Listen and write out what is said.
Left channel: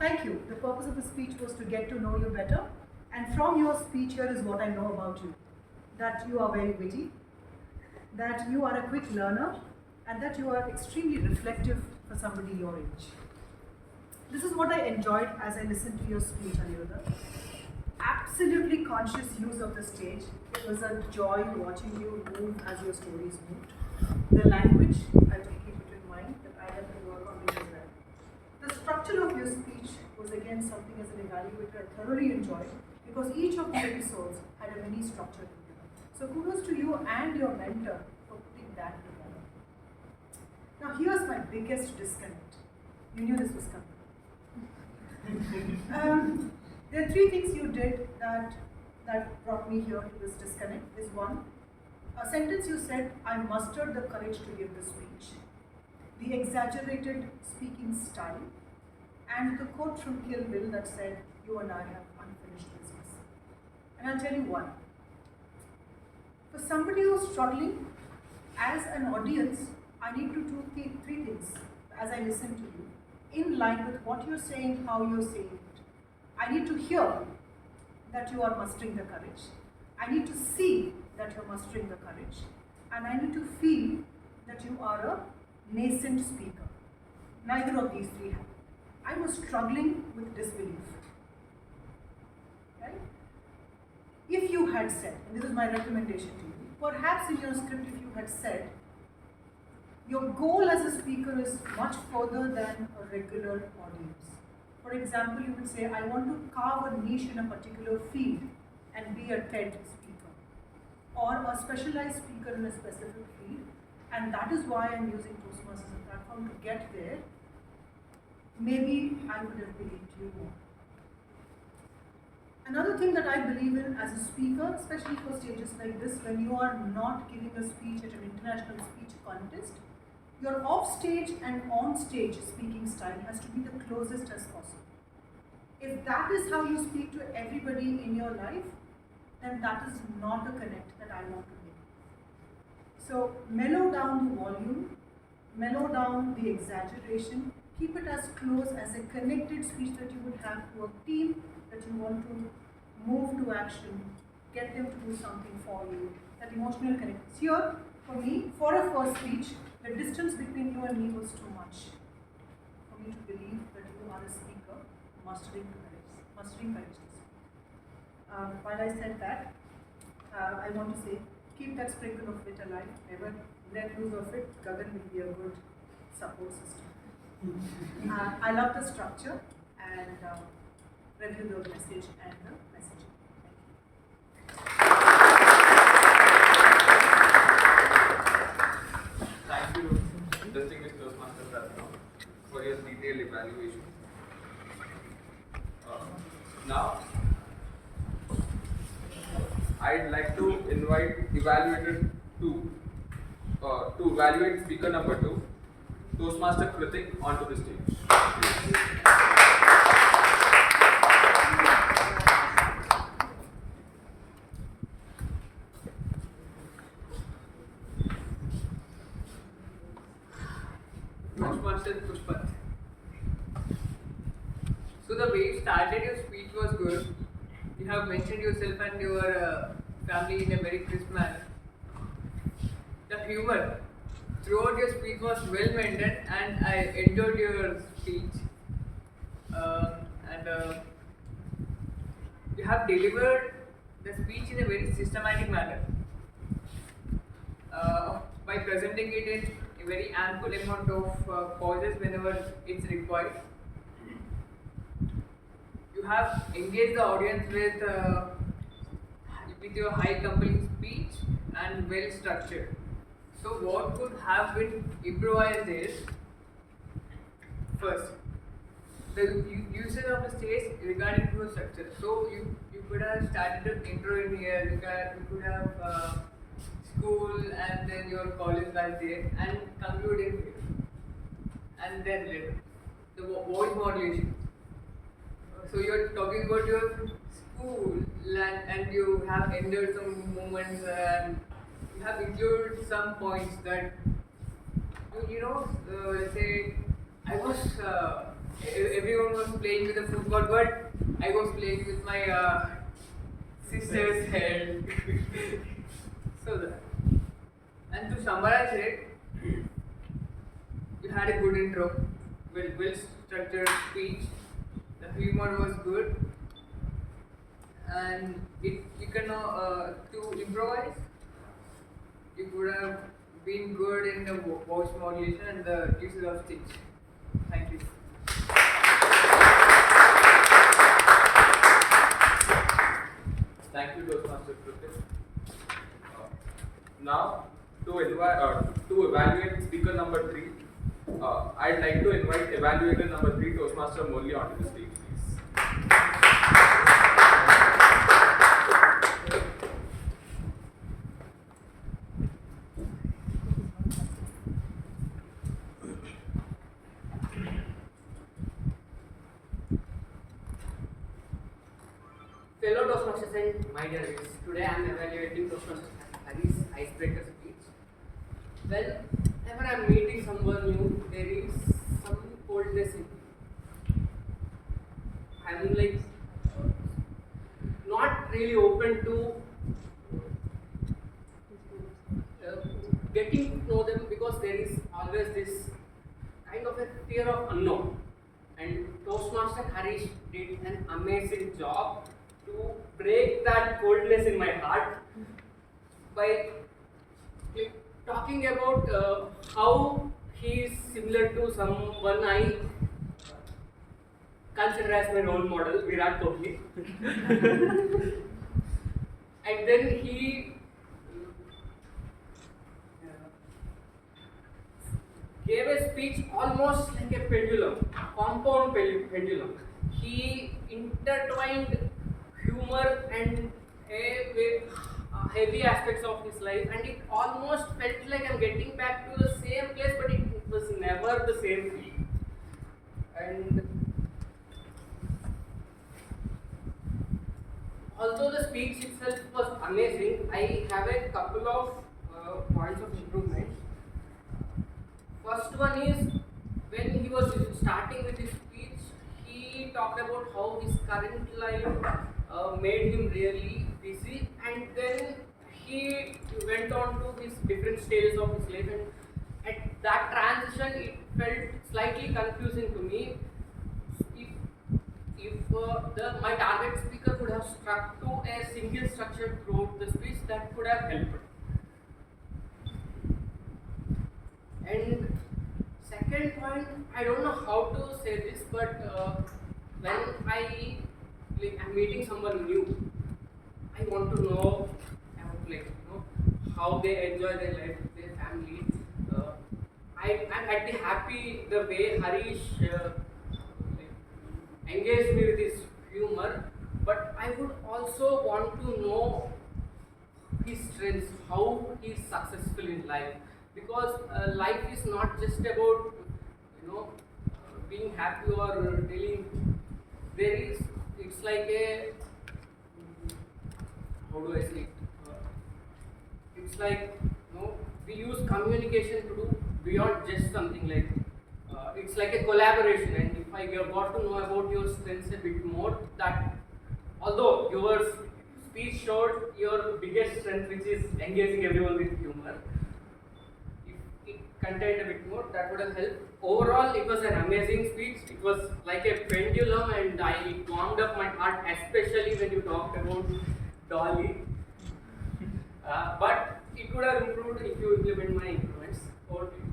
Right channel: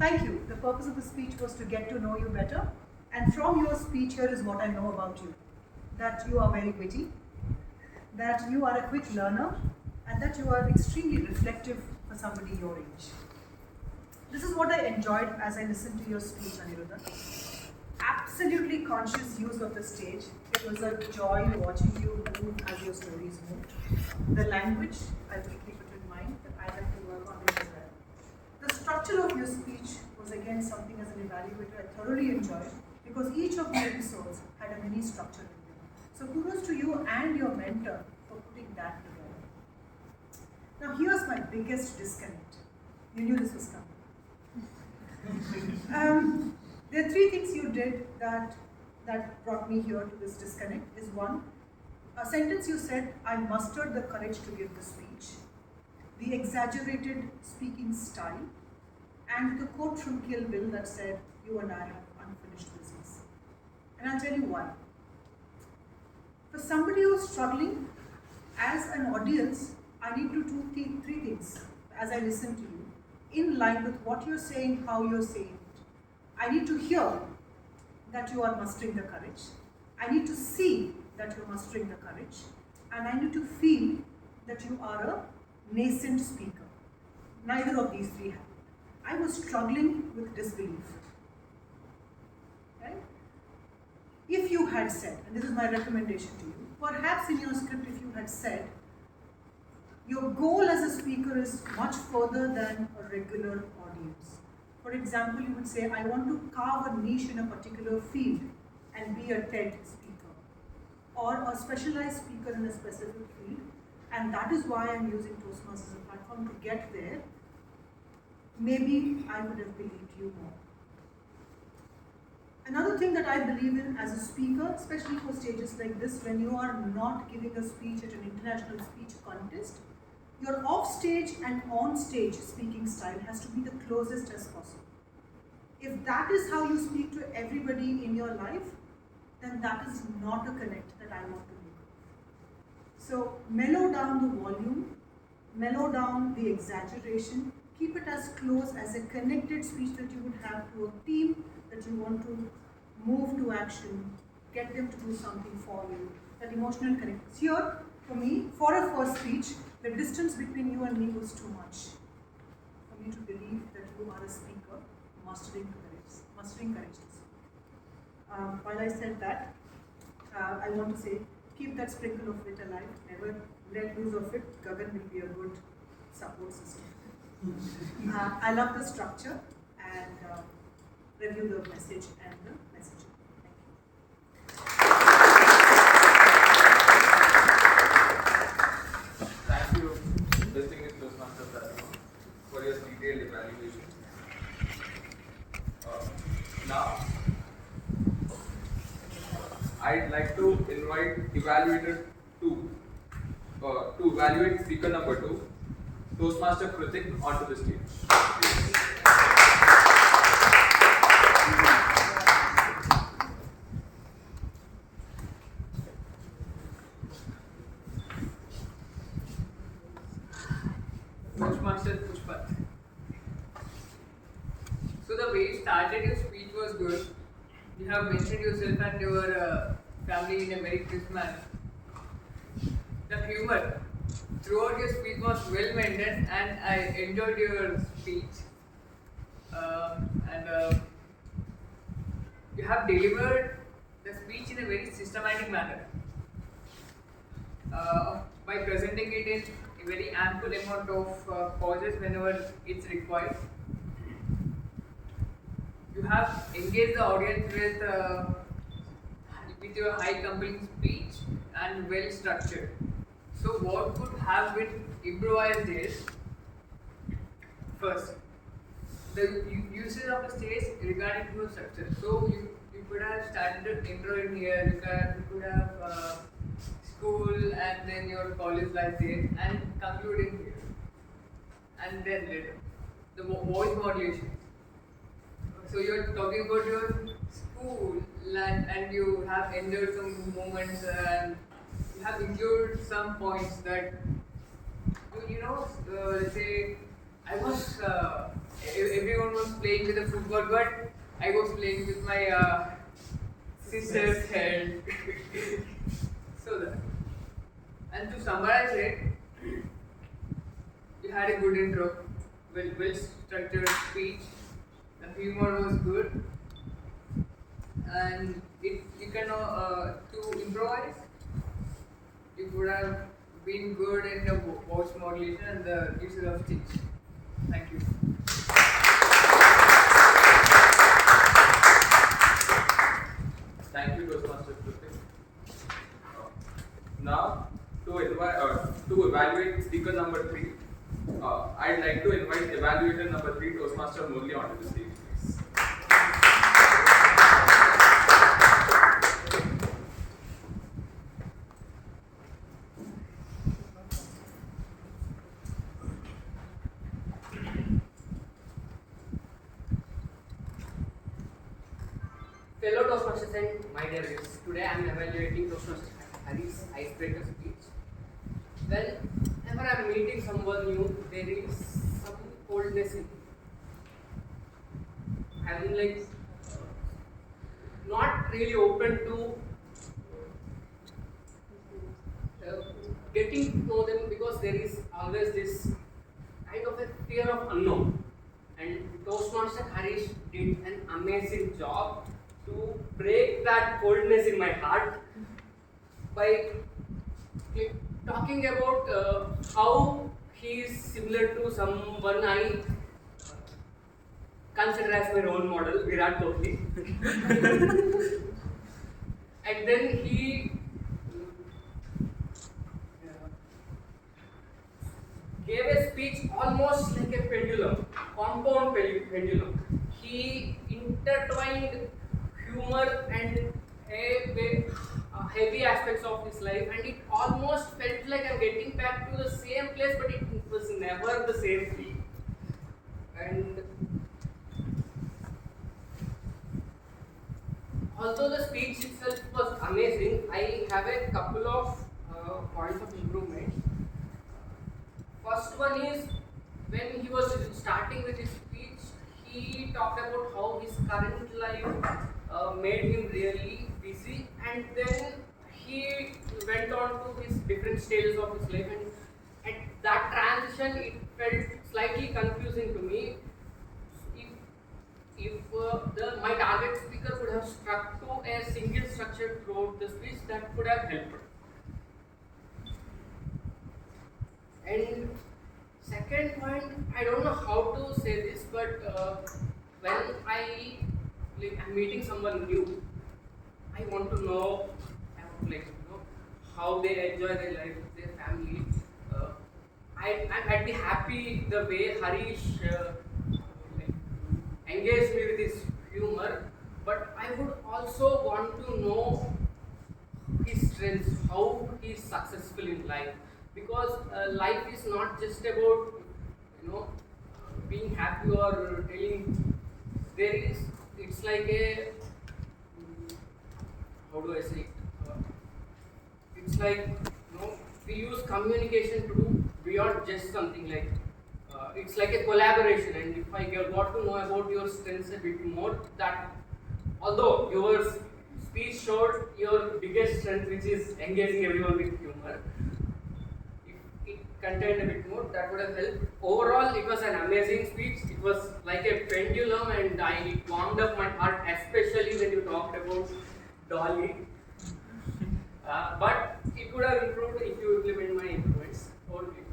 Thank you. The purpose of the speech was to get to know you better. And from your speech, here is what I know about you. That you are very witty, that you are a quick learner, and that you are extremely reflective for somebody your age. This is what I enjoyed as I listened to your speech, Aniruddha. Absolutely conscious use of the stage. It was a joy watching you move as your stories moved. The language, I will keep it in mind that I have to work on it as well. The structure of your speech was again something as an evaluator I thoroughly enjoyed because each of the episodes had a mini structure in them. So kudos to you and your mentor for putting that together. Now here's my biggest disconnect. You knew this was coming. There are three things you did that brought me here to this disconnect. Is one, a sentence you said, I mustered the courage to give the speech, the exaggerated speaking style, and the quote from Kill Bill that said, you and I have unfinished business. And I'll tell you why. For somebody who's struggling, as an audience, I need to do three things as I listen to you, in line with what you're saying, how you're saying it. I need to hear that you are mustering the courage. I need to see that you're mustering the courage. And I need to feel that you are a nascent speaker. Neither of these three happened. I was struggling with disbelief. Right? If you had said, and this is my recommendation to you, perhaps in your script if you had said, your goal as a speaker is much further than a regular audience. For example, you would say, I want to carve a niche in a particular field and be a TED speaker, or a specialized speaker in a specific field, and that is why I'm using Toastmasters as a platform to get there. Maybe I would have believed you more. Another thing that I believe in as a speaker, especially for stages like this, when you are not giving a speech at an international speech contest, your off-stage and on-stage speaking style has to be the closest as possible. If that is how you speak to everybody in your life, then that is not a connect that I want to make. So mellow down the volume, mellow down the exaggeration, keep it as close as a connected speech that you would have to a team that you want to move to action, get them to do something for you, that emotional connect. Here, for me, for a first speech, the distance between you and me was too much for me to believe that you are a speaker mustering courage to speak. While I said that, I want to say, keep that sprinkle of wit alive, never let loose of it. Gagan will be a good support system. I love the structure and review the message and the messaging. Thank you, distinguished Toastmaster Prathima, for your detailed evaluation. Now, I'd like to invite Evaluator 2 to evaluate speaker number 2, Toastmaster Kruthik, onto the stage. Toastmaster Pushpat. So the way you started your speech was good. You have mentioned yourself and your family in a very crisp manner. The humor throughout your speech was well maintained, and I enjoyed your speech. And you have delivered the speech in a very systematic manner by presenting it in a very ample amount of pauses whenever it's required. You have engaged the audience with your high compelling speech and well structured. So what could have been improvised is, first, the usage of the stage regarding to a structure. So you could have started an intro in here, you could have school and then your college life there and concluding here. And then later, the voice modulation. So you're talking about your school and you have enjoyed some moments and you have included some points that let's say I was everyone was playing with the football, but I was playing with my sister's head. So that. And to summarize it, we had a good intro, well structured speech. The humor was good, and you can to improvise. You could have been good in the voice modulation and the usage of speech. Thank you. Thank you, Toastmaster Kruthik. Now, to evaluate speaker number 3, I'd like to invite evaluator number 3, Toastmaster Murali, onto the stage, please. Fellow Toastmasters and my dear viewers, today I am evaluating Toastmasters Hari's icebreaker speech. Whenever I am meeting someone new, there is some coldness in me. I am like not really open to getting to know them because there is always this kind of a fear of unknown. And Toastmaster Harish did an amazing job to break that coldness in my heart by talking about how he is similar to someone I consider as my role model, Virat Kohli. And then he gave a speech almost like a pendulum, compound pendulum. He intertwined humor and heavy aspects of his life, and it almost felt like I'm getting back to the same place, but it was never the same feeling. And although the speech itself was amazing, I have a couple of points of improvement. First one is, when he was starting with his speech, he talked about how his current life made him really busy, and then he went on to his different stages of his life, and at that transition it felt slightly confusing to me. If my target speaker could have stuck to a single structure throughout the speech, that could have helped. And second point, I don't know how to say this, but when I'm meeting someone new, I want to know, how they enjoy their life, their family. I'd be happy the way Harish engaged me with his humor, but I would also want to know his strengths, how he is successful in life, because life is not just about being happy or telling. It's like a, how do I say it? It's like we use communication to do beyond just something like. It's like a collaboration, and if I got to know about your strengths a bit more, that although your speech showed your biggest strength, which is engaging everyone with humor, if it contained a bit more, that would have helped. Overall, it was an amazing speech. It was like a pendulum, and it warmed up my heart, especially when you talked about Dolly. But it could have improved if you implement my improvements. Over to you.